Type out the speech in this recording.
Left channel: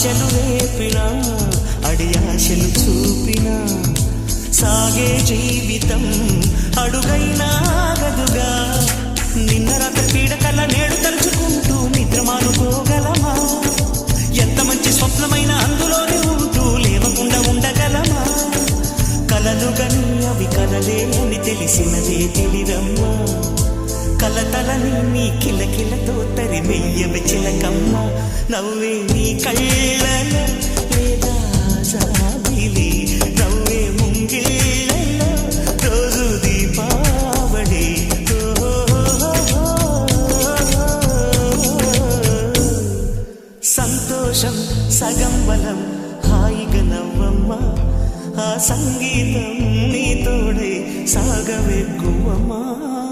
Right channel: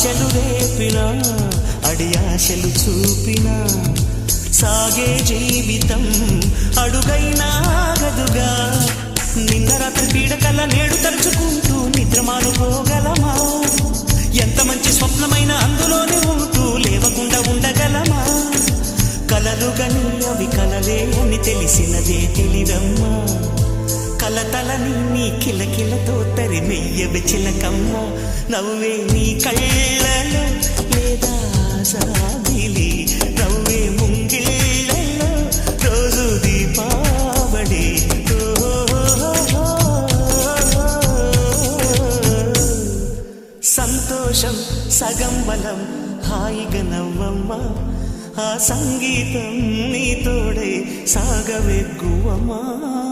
ఆశలు రేపినా అడియాశలు చూపినా సాగే జీవితం అడుగైనా ఆగదుగా. నిన్న రాత్రి పీడకల నేడు తలుచుకుంటూ నిద్రమానుకోగలమా? ఎంత మంచి స్వప్నమైన అందులోనే ఉంటూ లేవకుండా ఉండగలమా? కలలుగని అవి కలలే అని తెలిసినదే తెలివమ్మా. కలతలని నీ కిలకిలతో తరిమెయ్యవి చిలకమ్మ. నవ్వే నీ కళ్ళలో లేదా జాబిలి, నవ్వే ముంగిళ్ళలో రోజు దీపావళి. సంతోషం సగం బలం, హాయిగా నవ్వమ్మా. ఆ సంగీతం నీ తోడై సాగవెగ్గువమ్మా.